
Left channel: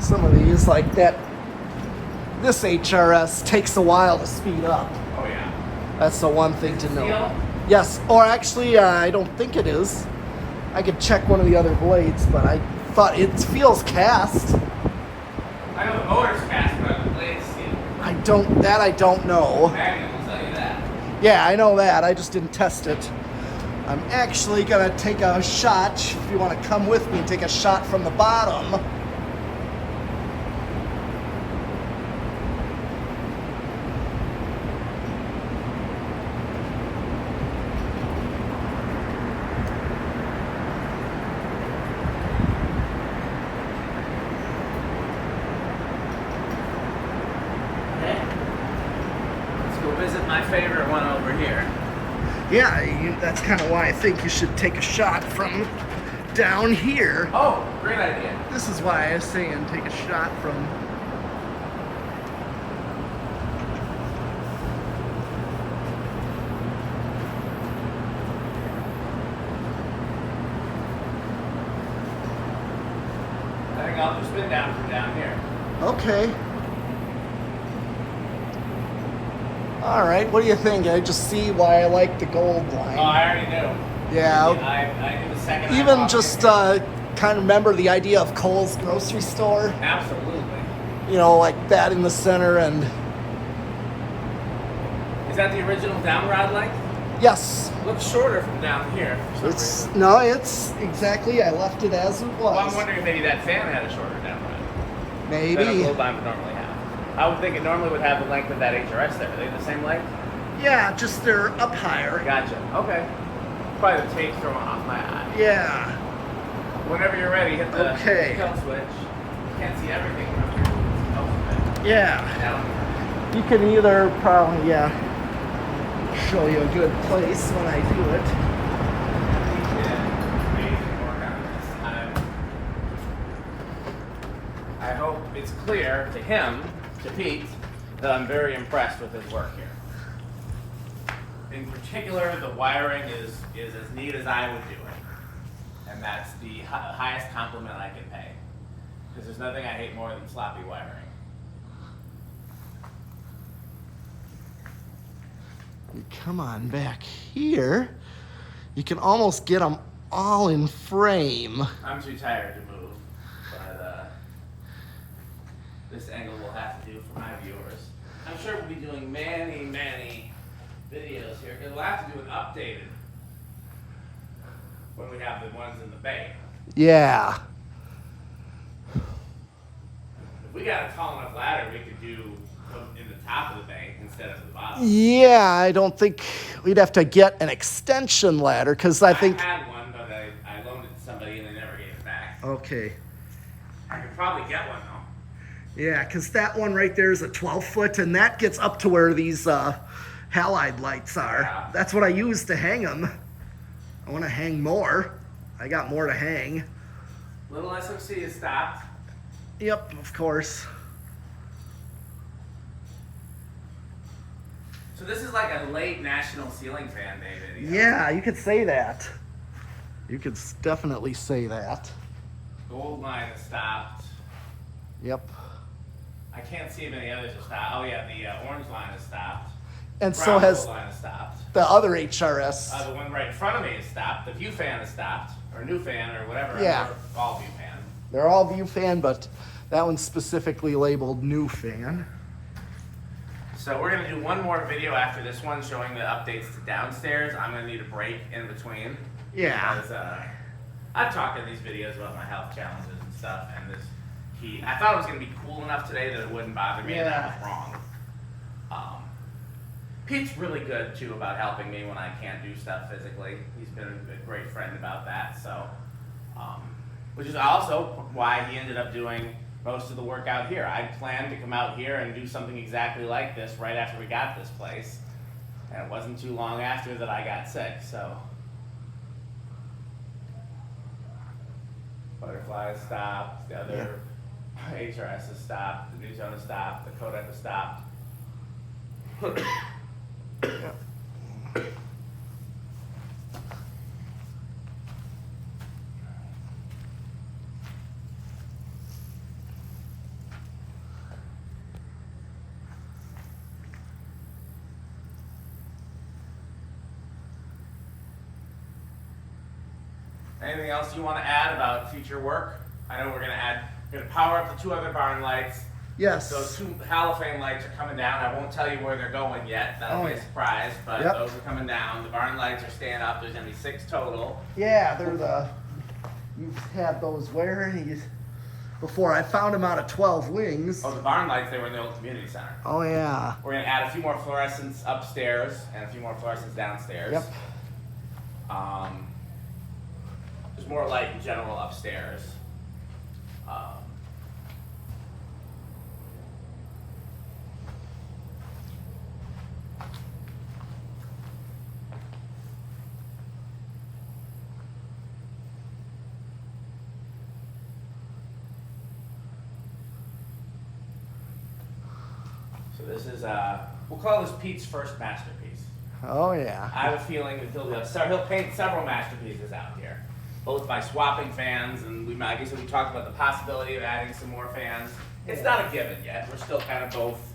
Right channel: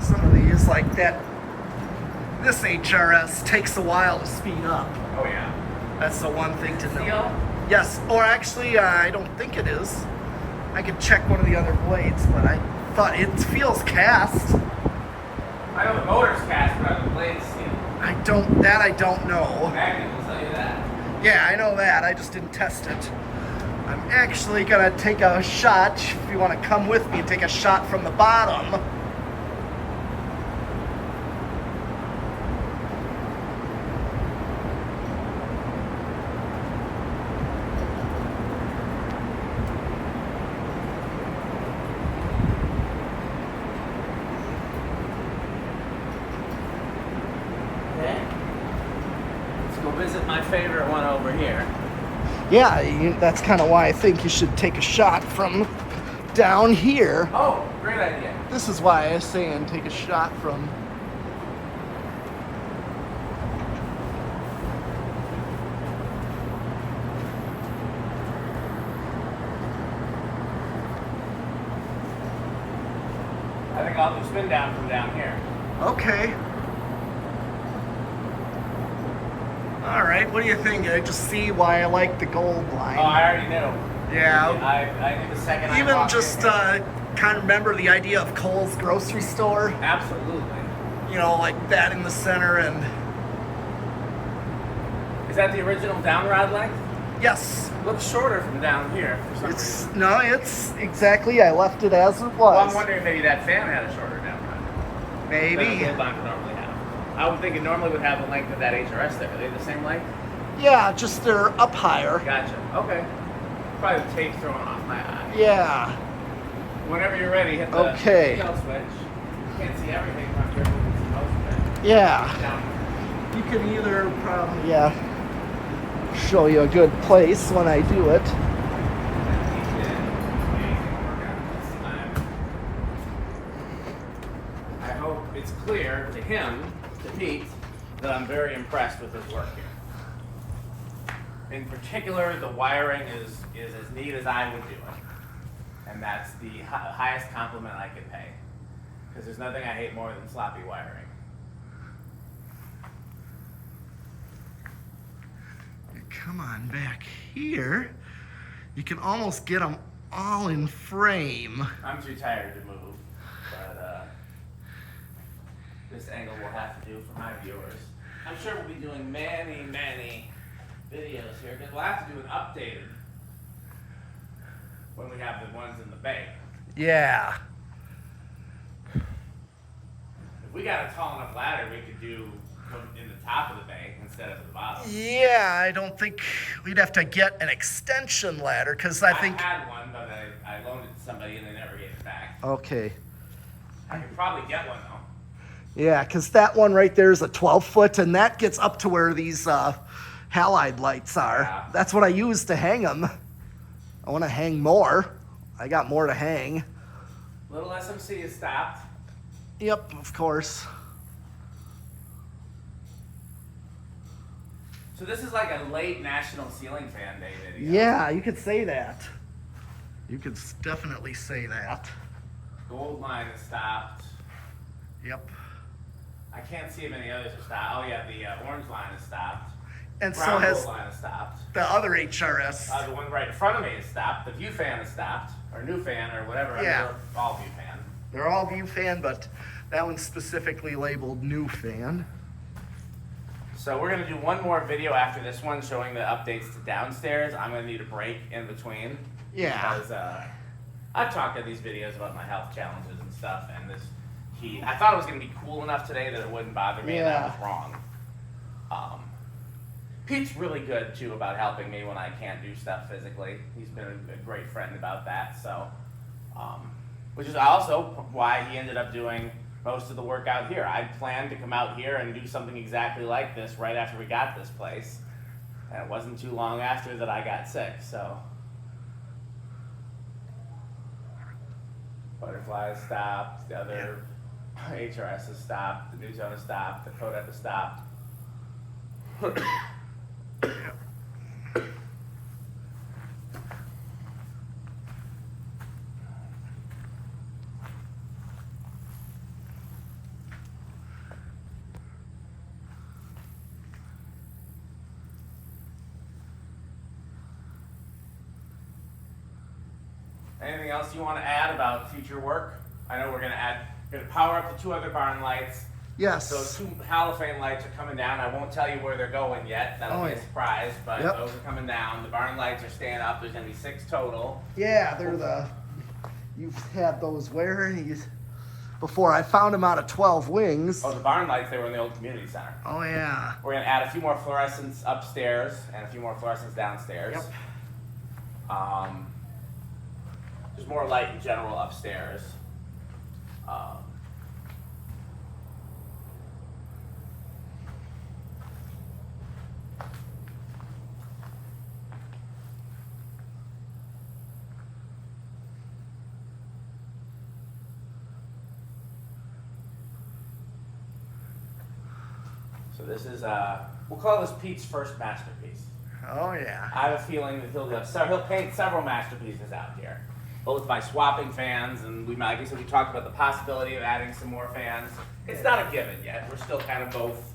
Some of these, like that, this HRS takes a while to speed up. Oh yeah. That's the one thing to know. Steel? Yes, or actually, I don't think it is. I could check one of the other blades, but I thought it feels cast. I know the motor's cast, but the blade's steel. I don't know. Magnum will tell you that. Yeah, I know that. I just didn't test it. I'm actually gonna take a shot, if you wanna come with me and take a shot from the bottom. Visit my favorite one over here. Yeah, that's kind of why I think you should take a shot from down here. Oh, great idea. This is why I was saying take a shot from... I think I'll just spin down from down here. Okay. All right, what do you think? I just see why I like the gold line. Oh, I already knew. Yeah. I knew the second. Even just kind of remember the idea of Kohl's grocery store. Absolutely. You know, like that in the center, and is that the original down rod length? yes. Looks shorter from down here. It's exactly. I left it as it was. Well, I'm wondering if maybe that fan had a shorter down rod. Maybe. Hold on, normally have. I would think it normally would have the length of that HRS there. Are they the same length? Yeah, just they're up higher. Gotcha. Okay. Probably the tape throwing off my eye. Yeah. Whenever you're ready, hit the Okay. kill switch. Can't see everything from here. Oh, Yeah. down. You can either probably, show you a good place when I do it. I hope it's clear to him, to Pete, that I'm very impressed with his work here. In particular, the wiring is as neat as I would do it. And that's the highest compliment I can pay. Because there's nothing I hate more than sloppy wiring. You come on back here. You can almost get them all in frame. I'm too tired to move, but this angle will have to do for my viewers. I'm sure we'll be doing many, many videos here. We'll have to do an updated when we have the ones in the bay. Yeah. If we got a tall enough ladder, we could do them in the top of the bay instead of the bottom. Yeah, I don't think we'd have to get an extension ladder because I think. I had one, but I loaned it to somebody and they never gave it back. Okay. I could probably get one though. Yeah, because that one right there is a 12-foot, and that gets up to where these halide lights are. Yeah. That's what I use to hang them. I want to hang more. I got more to hang. Little SMC is stopped. Yep, of course. So this is like a late national ceiling fan, David. Yeah, you could say that. You could definitely say that. Gold line is stopped. Yep. I can't see if any others are stopped. Oh yeah, the orange line is stopped. And Brown so has gold line is stopped. the other HRS. The one right in front of me is stopped. The view fan is stopped, or new fan, or whatever. Yeah. They're all view fan. They're all view fan, but that one's specifically labeled new fan. So we're gonna do one more video after this one showing the updates to downstairs. I'm gonna need a break in between. Yeah. Because I've talked in these videos about my health challenges and stuff, and I thought it was gonna be cool enough today that it wouldn't bother me if I was wrong. Pete's really good too about helping me when I can't do stuff physically. He's been a great friend about that. So, which is also why he ended up doing most of the work out here. I planned to come out here and do something exactly like this right after we got this place, and it wasn't too long after that I got sick. So, butterfly is stopped. The other HRS is stopped. The new zone is stopped. The Kodak is stopped. Anything else you want to add about future work? I know we're gonna power up the two other barn lights. Yes. Those two halophane lights are coming down. I won't tell you where they're going yet. That'll be a surprise, but Yep. those are coming down. The barn lights are staying up. There's going to be 6 total. Yeah, they're you've had those where? Before I found them out of 12 wings. Oh, the barn lights, they were in the old community center. Oh, yeah. We're going to add a few more fluorescents upstairs and a few more fluorescents downstairs. Yep. There's more light in general upstairs. So this is, we'll call this Pete's first masterpiece. Oh, yeah. I have a feeling that he'll paint several masterpieces out here, both by swapping fans, and like I said, we talked about the possibility of adding some more fans. It's not a given yet. We're still kind of both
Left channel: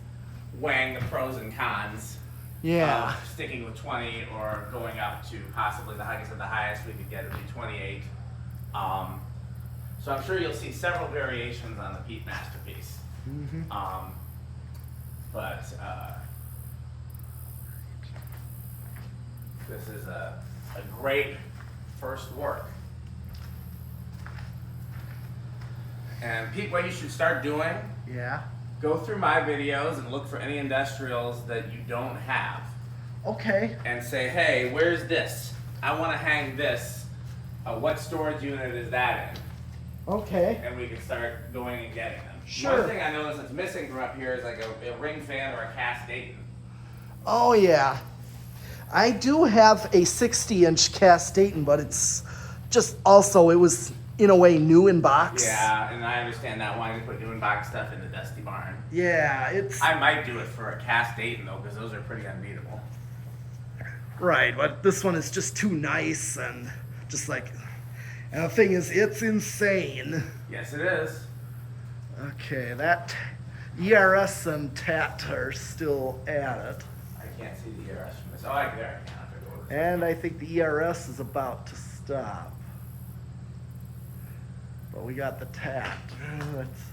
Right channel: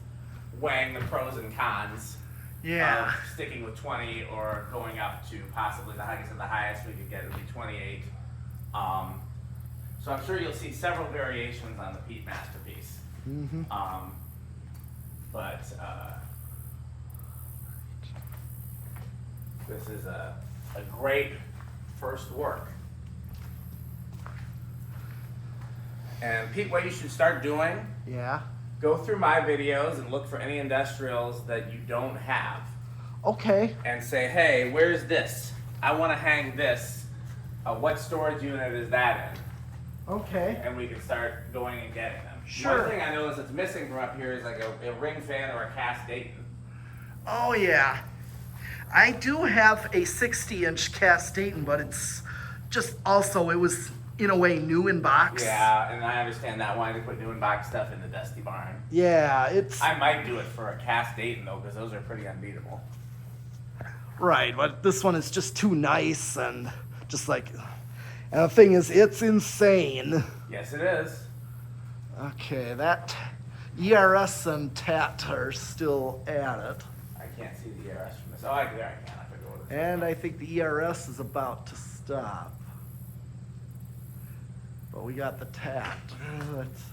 weighing the pros and cons. Yeah. Of sticking with 20 or going up to possibly the highest we could get would be 28. So I'm sure you'll see several variations on the Pete masterpiece. Mm-hmm. But this is a great first work. And Pete, what you should start doing, Yeah. go through my videos and look for any industrials that you don't have. Okay. And say, hey, where's this? I want to hang this. What storage unit is that in? Okay. And we can start going and getting them. Sure. One thing I noticed that's missing from up here is like a ring fan or a cast Dayton. Oh, yeah. I do have a 60-inch cast Dayton, but it's just also, it was in a way new in box. Yeah, and I understand that wanting to put new in box stuff in the dusty barn. Yeah, it's I might do it for a cast Dayton though, because those are pretty unbeatable. right, but this one is just too nice and just like, and the thing is, it's insane. Yes, it is. Okay, that ERS and TAT are still at it. I can't see the ERS from this. Oh, there I can. And I think the ERS is about to stop. But we got the TAT. Let's,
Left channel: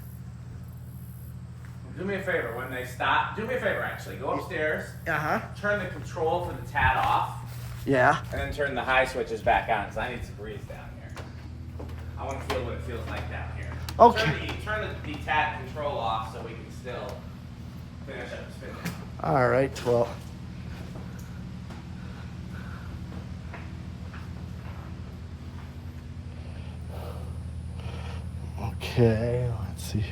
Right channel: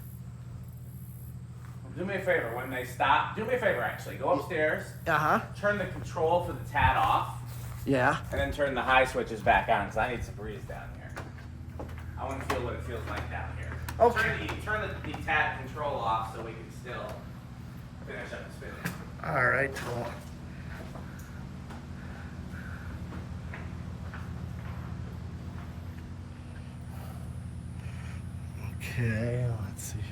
Do me a favor, when they stop, do me a favor actually, go upstairs, uh-huh. turn the control for the TAT off, Yeah. and then turn the high switches back on, because I need some breeze down here. I want to feel what it feels like down here. Okay. Turn the TAT control off so we can still finish up the spinning. All right, well. Okay, let's see.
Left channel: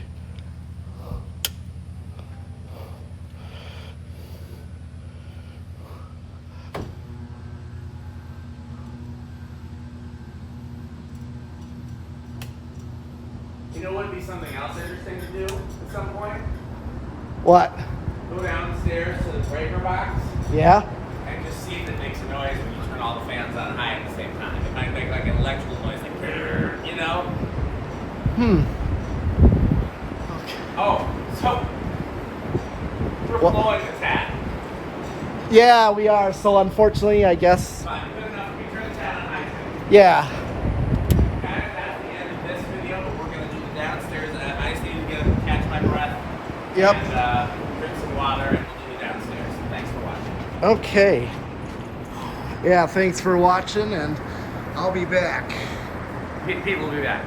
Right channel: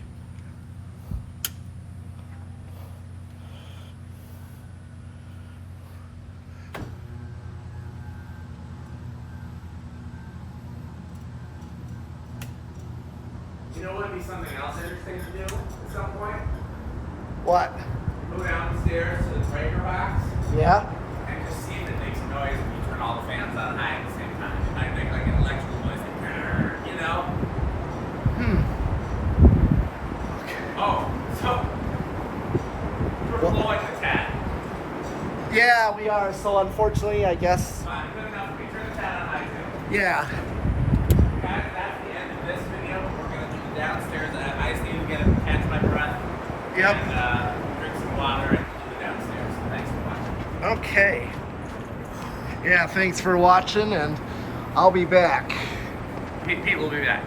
You know what would be something else interesting to do at some point? What? Go down the stairs to the breaker box Yeah? and just see if it makes a noise when you turn all the fans on high at the same time. It might make like an electrical noise, like, "Grrr," you know? Oh, so we're What? blowing the TAT. Yeah, we are. So unfortunately, I guess. Fine, good enough. We turn the TAT on high too. Yeah. And that's the end of this video, but we're going to do the downstairs. I just need to catch my breath. Yep. And drink some water and we'll do the downstairs. Thanks for watching. Okay. Yeah, thanks for watching, and I'll be back. Pete will be back.